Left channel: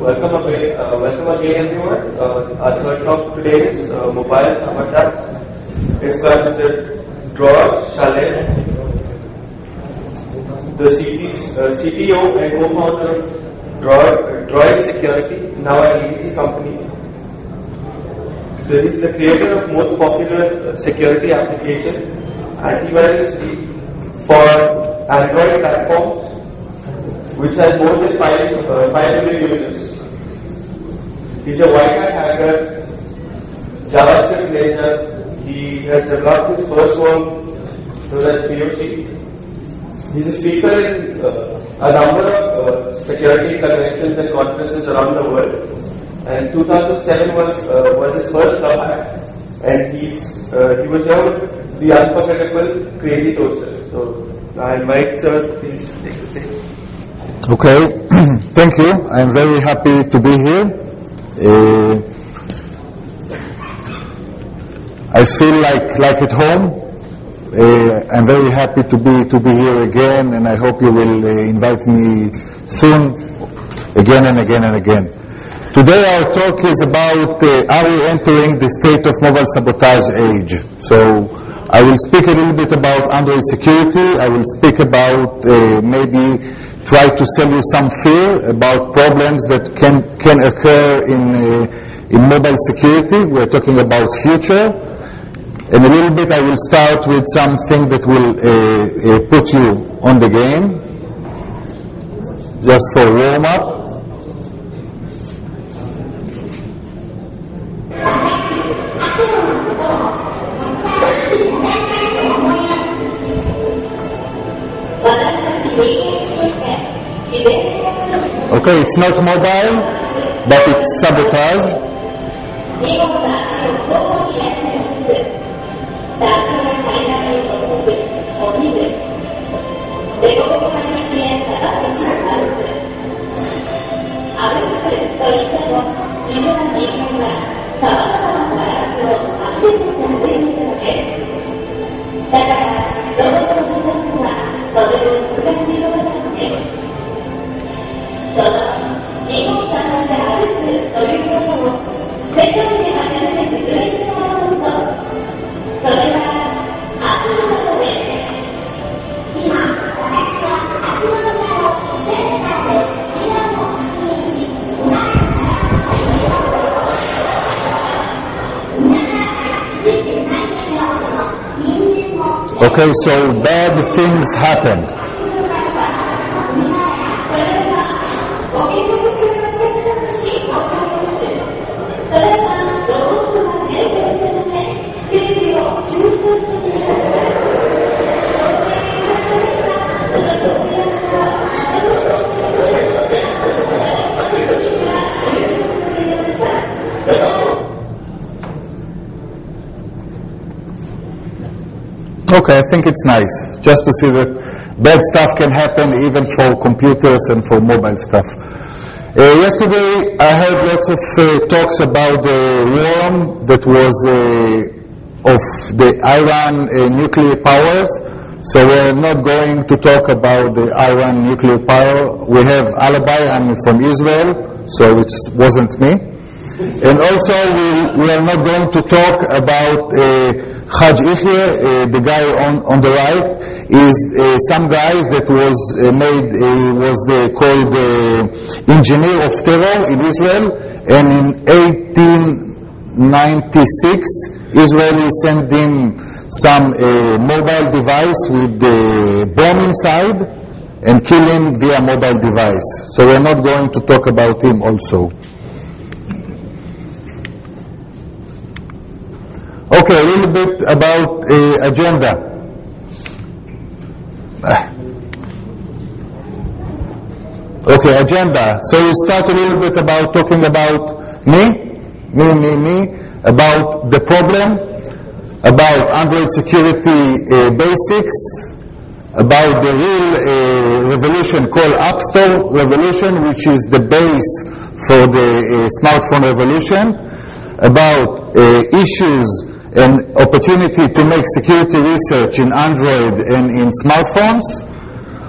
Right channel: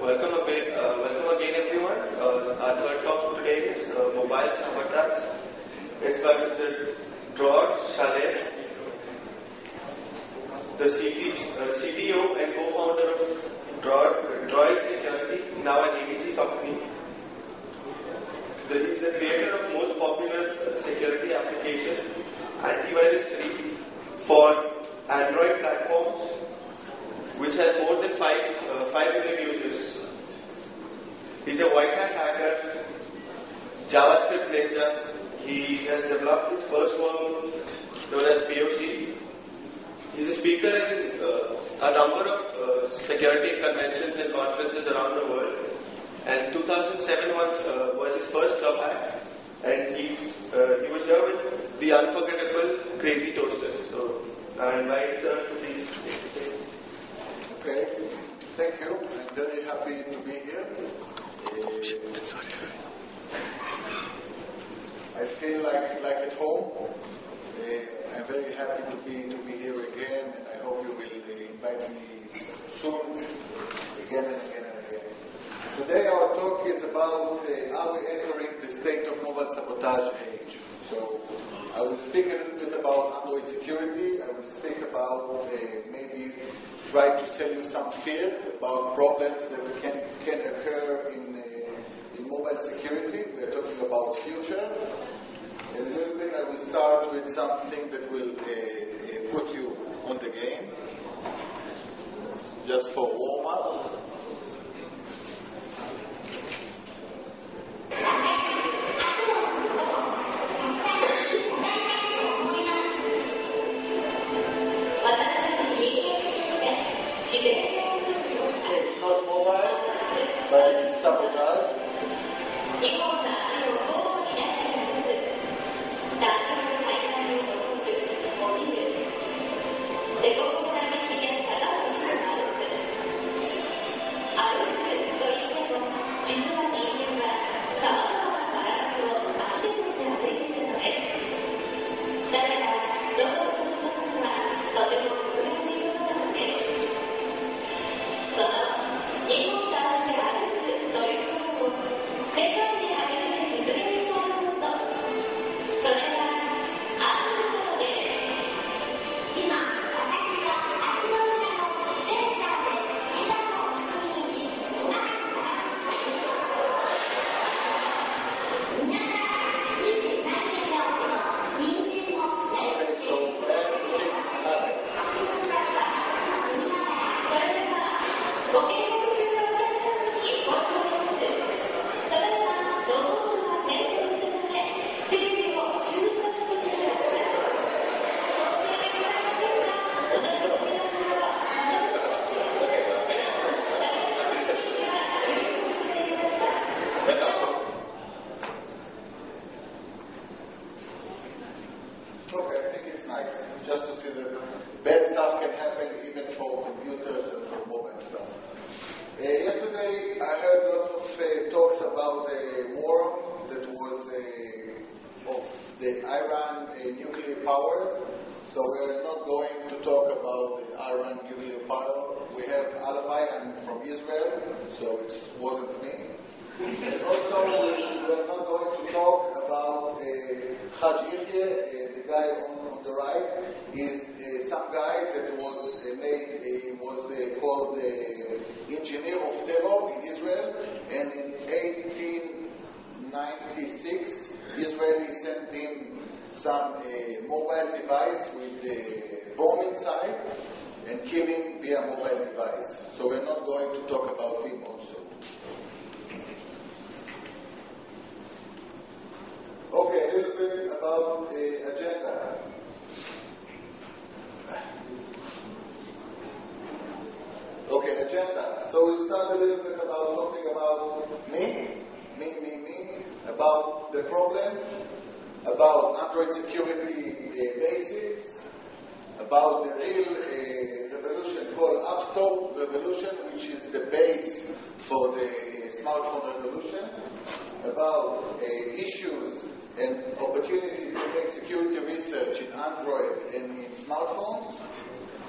Welcome again, everyone. Our third talk today is Mobile Sabotage. It's by Mr. Dror Shalev, the CTO and co-founder of Dror Security, now an EVG company. He is the creator of most popular security application, antivirus for Android platforms, which has more than 5 million users. He's a white hat hacker, JavaScript ninja. He has developed his first work known as POC. He's a speaker in a number of security conventions and conferences around the world. And 2007 was his first ClubHack, and he was known the unforgettable Crazy Toaster. So I invite sir, please take the stage. Okay, thank you. I'm very happy to be here. I feel like at home. I'm very happy to be here again, and I hope you will invite me soon, again and again and again. Today our talk is about are we entering the state of mobile sabotage age. So I will speak a little bit about Android security. I will speak about maybe try to sell you some fear about problems that can occur in mobile security. We're talking about future. And a little bit I will start with something that will put you on the game, just for warm up. Okay, it's not mobile, but it's sabotage. Okay, so bad things happened. Okay, I think it's nice just to see that bad stuff can happen even for computers and for mobile stuff. Yesterday I heard lots of talks about the worm that was of the Iran nuclear powers. So we're not going to talk about the Iran nuclear power. We have alibi. I'm from Israel, so it wasn't me. And also we are not going to talk about Haj Ikhye, the guy on the right, is some guys that was called engineer of terror in Israel, and in 1896 Israel sent him some mobile device with the bomb inside and kill him via mobile device. So we're not going to talk about him also. Okay, a little bit about agenda. Okay, agenda. So we start a little bit about talking about me, about the problem, about Android security basics, about the real revolution called App Store revolution, which is the base for the smartphone revolution, about issues and opportunity to make security research in Android and in smartphones.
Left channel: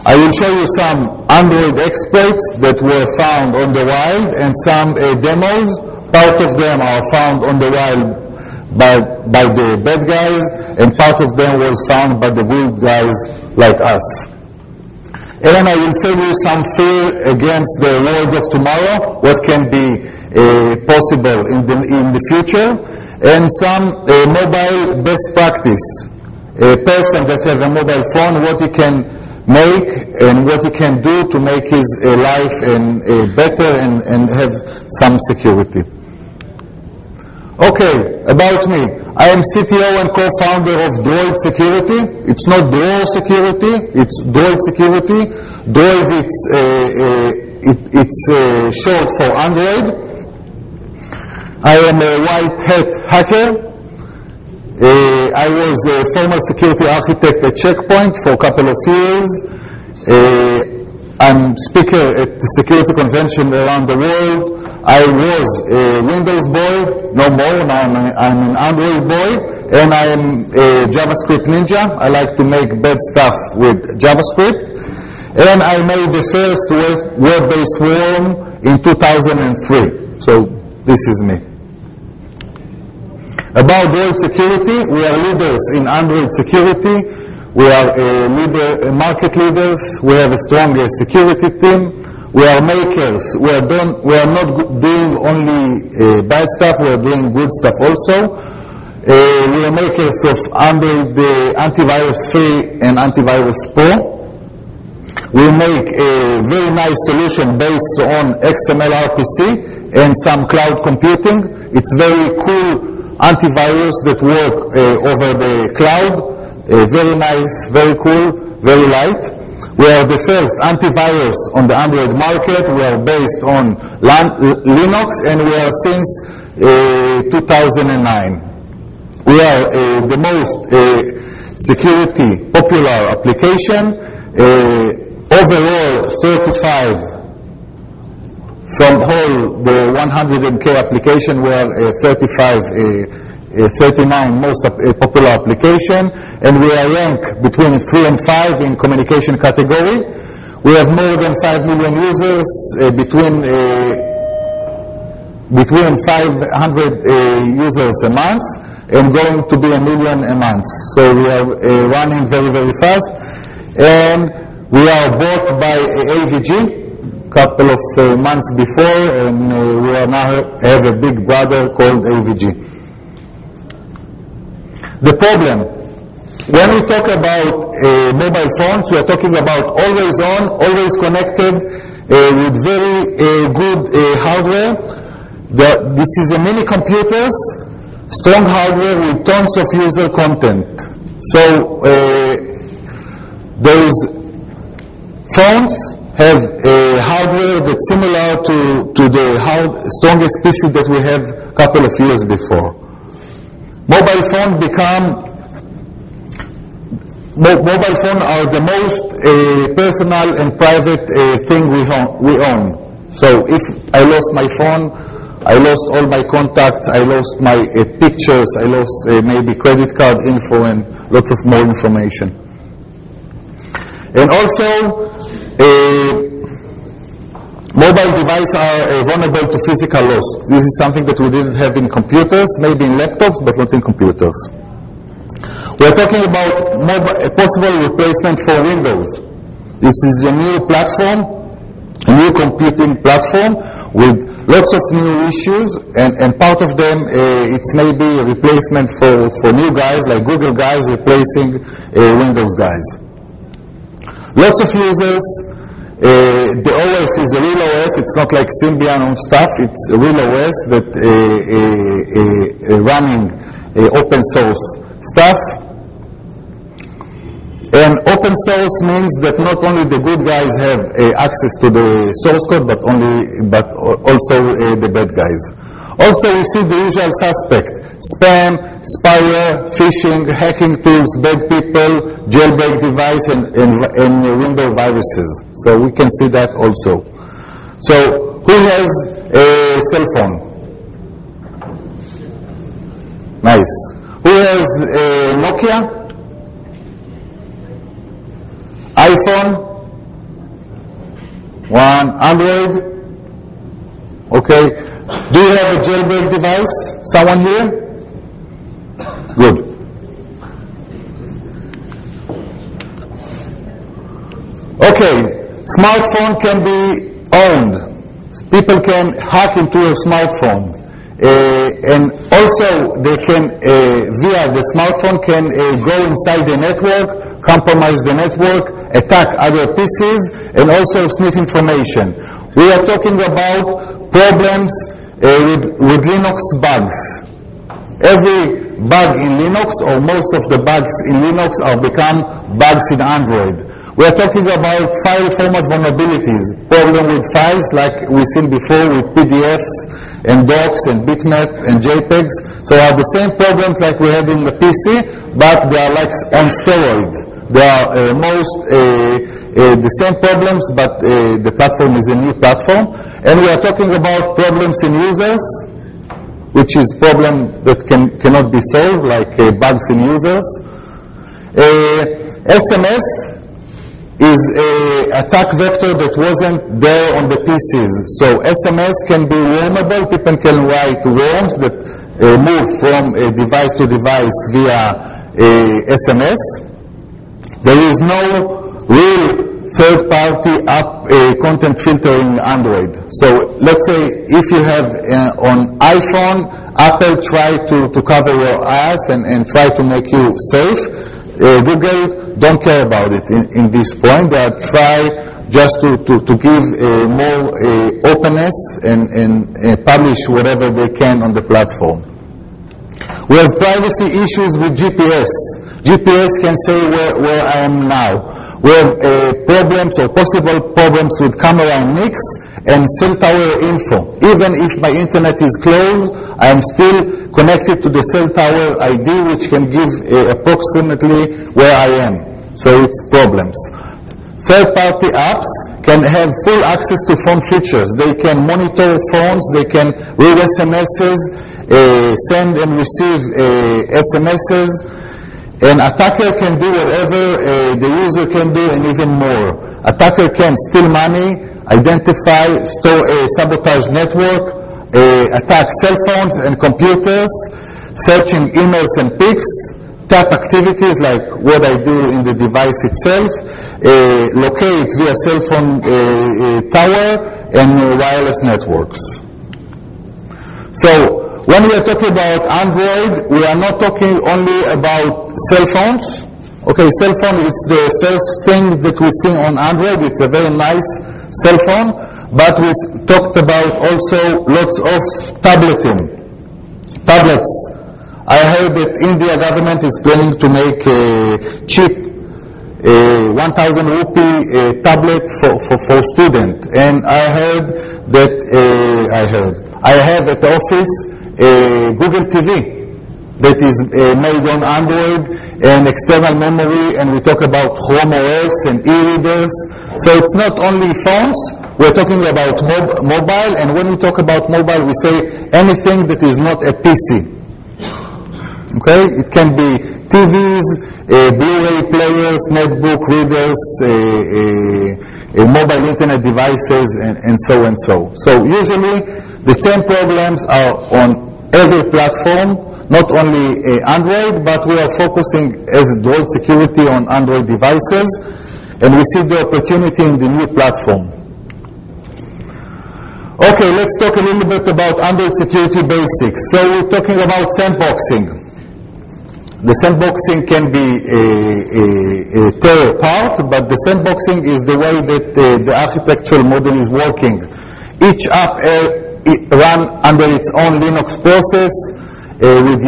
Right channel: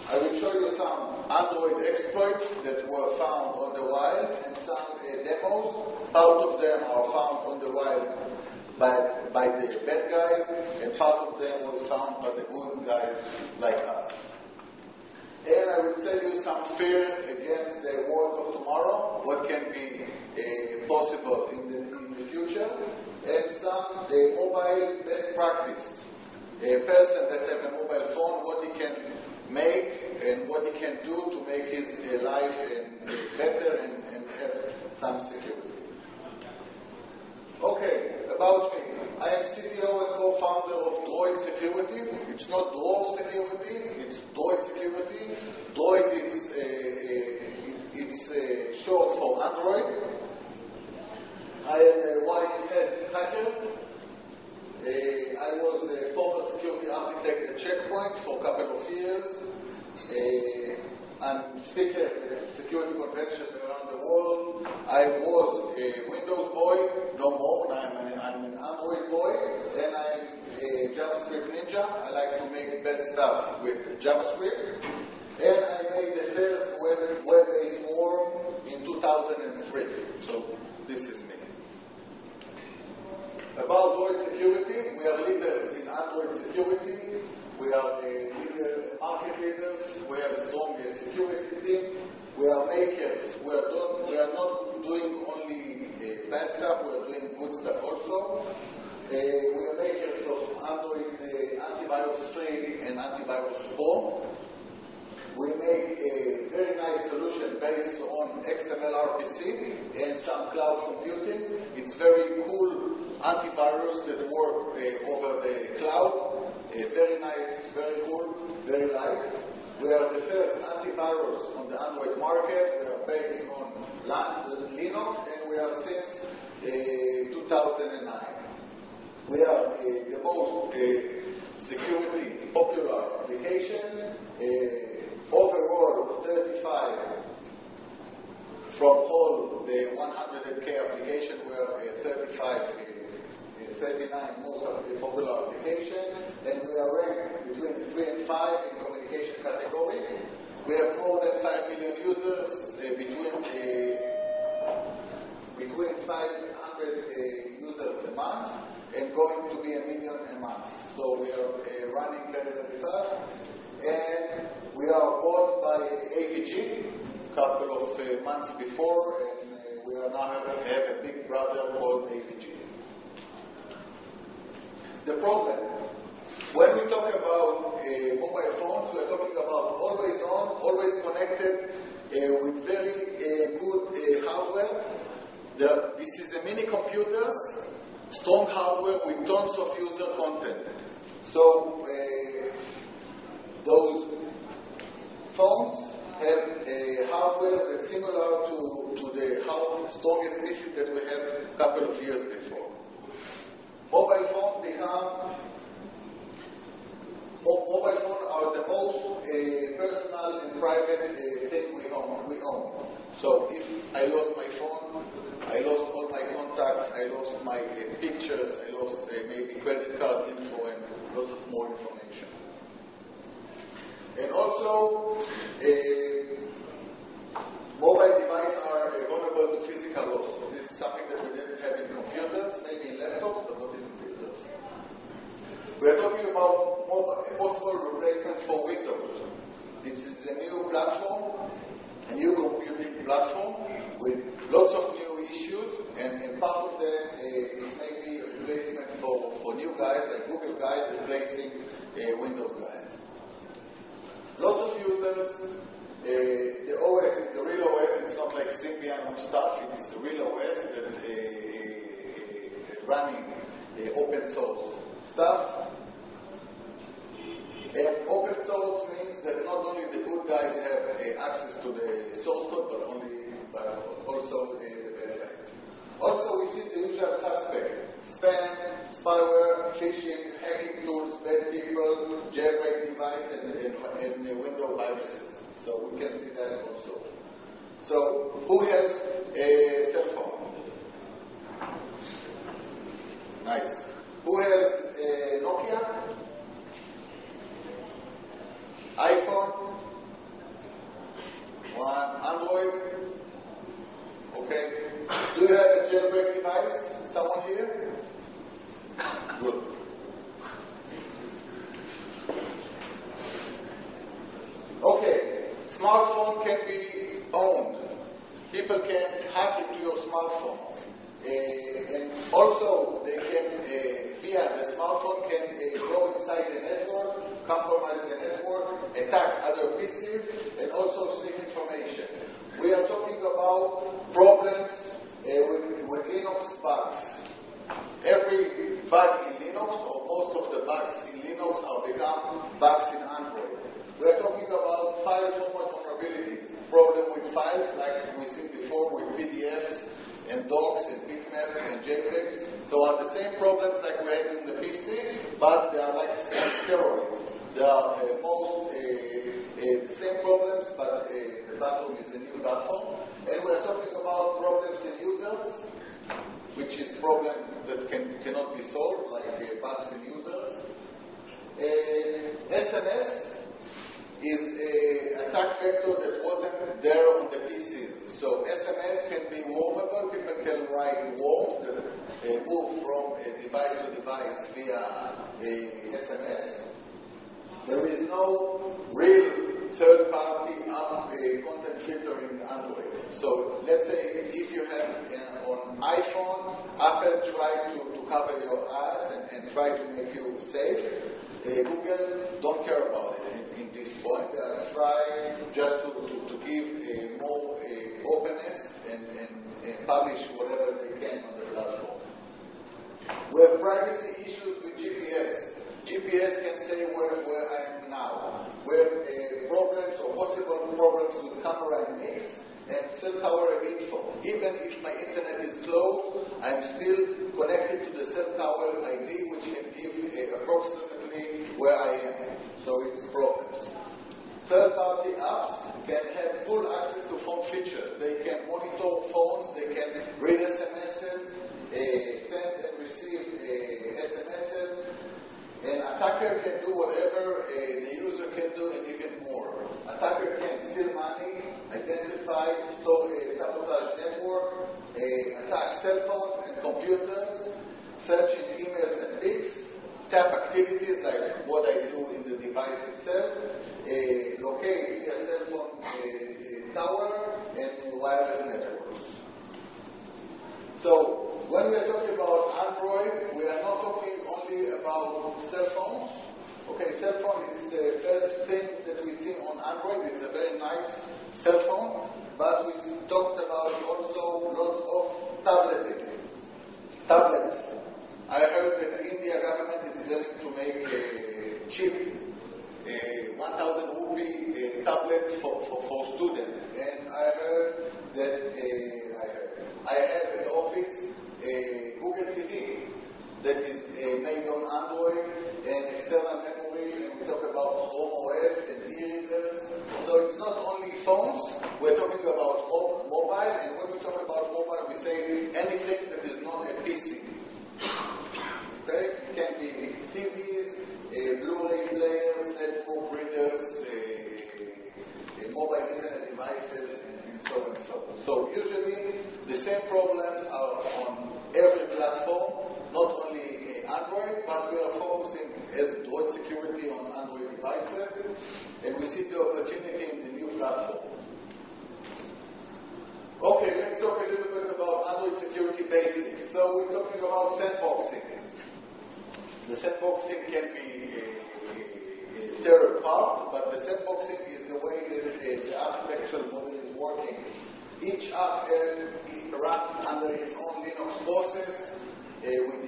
I will show you some Android exploits that were found on the wild and some demos. Part of them are found on the wild by the bad guys, and part of them was found by the good guys like us. And I will sell you some fear against the world of tomorrow, what can be possible in the future, and some mobile best practice. A person that has a mobile phone, what he can make and what he can do to make his life better and have some security. Okay, about me. I am CTO and co-founder of Dror Security. It's not Dror Security, it's Dror Security. Dror, it's short for Android. I am a white hat hacker. I was a former security architect at Checkpoint for a couple of years. I'm speaker at the security convention around the world. I was a Windows boy, no more, now I'm an Android boy, and I am a JavaScript ninja. I like to make bad stuff with JavaScript. And I made the first web-based worm in 2003. So this is me. About Dror Security, we are leaders in Android security. We are market leaders. We have a strong security team. We are makers. We are not doing only bad stuff. We are doing good stuff also. We are makers of Android Antivirus Free and Antivirus Pro. We make a very nice solution based on XML RPC and some cloud computing. It's very cool antivirus that work over the cloud. Very nice, very cool, very light. We are the first antivirus on the Android market. We are based on Linux, and we are since 2009. We are the most security popular application. Overall, 35 from all the 100K application. We are 39 most popular application, and we are ranked between 3 and 5 in communication category. We have more than 5 million users, between 500 users a month, and going to be 1 million a month. So we are running very, very fast, and we are bought by AVG a couple of months before, and we are now have a big brother called AVG. The problem, when we talk about mobile phones, we are talking about always on, always connected, with very good hardware. This is a mini computers, strong hardware with tons of user content. So those phones have a hardware that's similar to the strongest PC that we have a couple of years before. Mobile phone are the most personal and private thing we own. So if I lost my phone, I lost all my contacts, I lost my pictures, I lost maybe credit card info and lots of more information. And also, mobile devices are vulnerable to physical loss. This is something that we didn't have in computers, maybe in laptops, but not in computers. We're talking about a possible replacement for Windows. This is a new platform, a new computing platform with lots of new issues, and part of them, it's maybe a replacement for new guys, like Google guys replacing Windows guys. Lots of users. The OS is a real OS. It's not like Symbian and stuff. It's a real OS that running open source stuff. And open source means that not only the good guys have access to the source code, but also the bad guys. Also, we see the usual suspect: spam, spyware, phishing, hacking tools, bad people, jailbreak device, and window viruses. So we can see that also. So who has a cell phone? Nice. Who has a Nokia? iPhone? One, Android. Okay. Do you have a jailbreak device? Someone here? Good. Okay. Smartphone can be owned. People can hack into your smartphone. And also they can, via the smartphone, can go inside the network, compromise the network, attack other PCs, and also sniff information. We are talking about problems with Linux bugs. Every bug in Linux, or most of the bugs in Linux, are become bugs in Android. We are talking about file format vulnerabilities, problem with files like we've seen before with PDFs and docs and bitmap and JPEGs. So are the same problems like we had in the PC, but they are like on steroids. They are the same problems, but the platform is a new platform. And we are talking about problems in users, which is problem that cannot be solved, like bugs in users. SMS is an attack vector that wasn't there on the PCs. So SMS can be wormable. People can write worms that move from device to device via SMS. There is no real third-party app content filtering in Android. So let's say if you have on iPhone, Apple try to cover your ass and try to make you safe. Google don't care about it in this point. They are try just to give more openness and publish whatever they can on the platform. We have privacy issues with GPS. GPS can say where I am now. We have problems or possible problems with camera and mix and cell tower info. Even if my internet is closed, I am still connected to the cell tower ID, which can give approximately where I am. So it's problems. Third-party apps can have full access to phone features. They can monitor phones, they can read SMSs, send and receive SMSs. An attacker can do whatever the user can do and even more. Attacker can steal money, identify, sabotage network, attack cell phones and computers, searching emails and pics, tap activities like what I do in the device itself, locate via cell phone tower and wireless networks. So when we are talking about Android, we are not talking only about cell phones. Okay, cell phone is the first thing that we see on Android. It's a very nice cell phone, but we talked about also lots of tablets. I heard that India government is planning to make a cheap 1,000 rupee tablet for student. And I heard that I have at the office Google TV that is made on Android and external memory, and we talk about Chrome OS and e-readers. So it's not only phones, we're talking about mobile, and when we talk about mobile, we say anything that is not a PC. Okay? It can be TVs, Blu-ray players, netbook readers, mobile internet devices, and so and so. So usually the same problems are on every platform, not only Android, but we are focusing as Dror Security on Android devices, and we see the opportunity in the new platform. Okay, let's talk a little bit about Android security basics. So we're talking about sandboxing. The sandboxing can be a terror part, but the sandboxing is the way that the architectural model is working. Each app run under its own Linux process with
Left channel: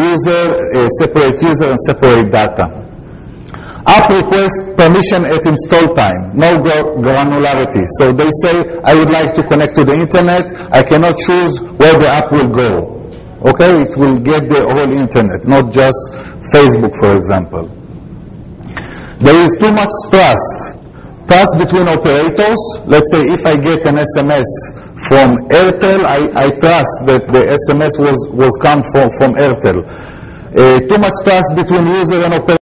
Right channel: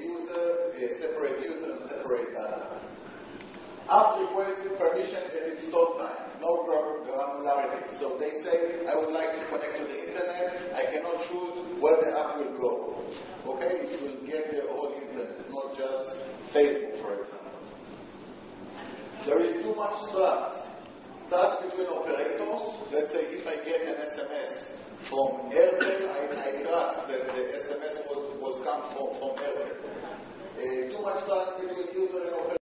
separate user and separate data. App requests permission at install time, no granularity. So they say, I would like to connect to the internet, I cannot choose where the app will go. Okay, it will get the whole internet, not just Facebook, for example. There is too much trust. Trust between operators. Let's say if I get an SMS from Airtel, I trust that the SMS was come from Airtel. Too much trust between user and operator.